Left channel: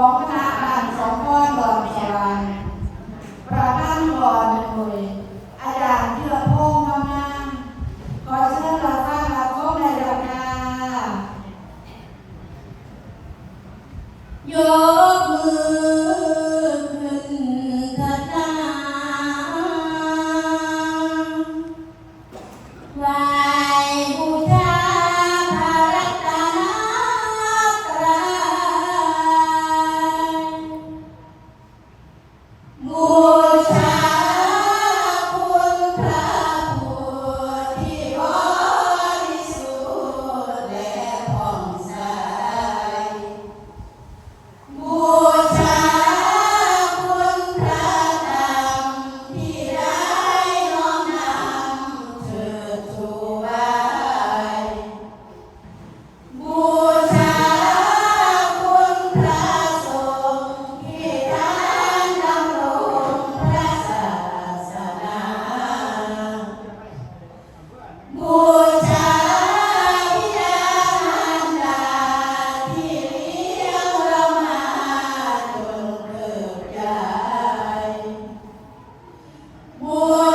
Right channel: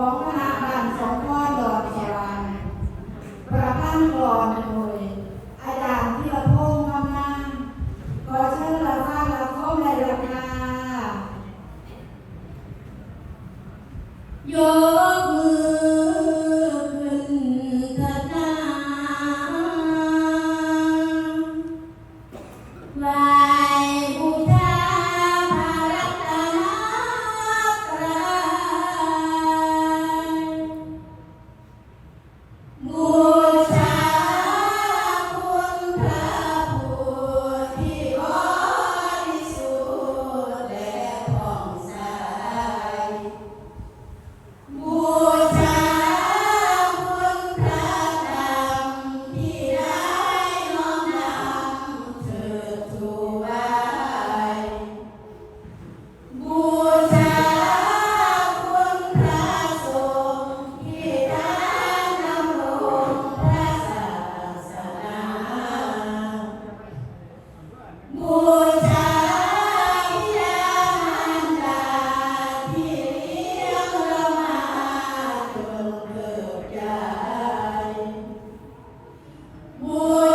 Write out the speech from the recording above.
好，看。Oi.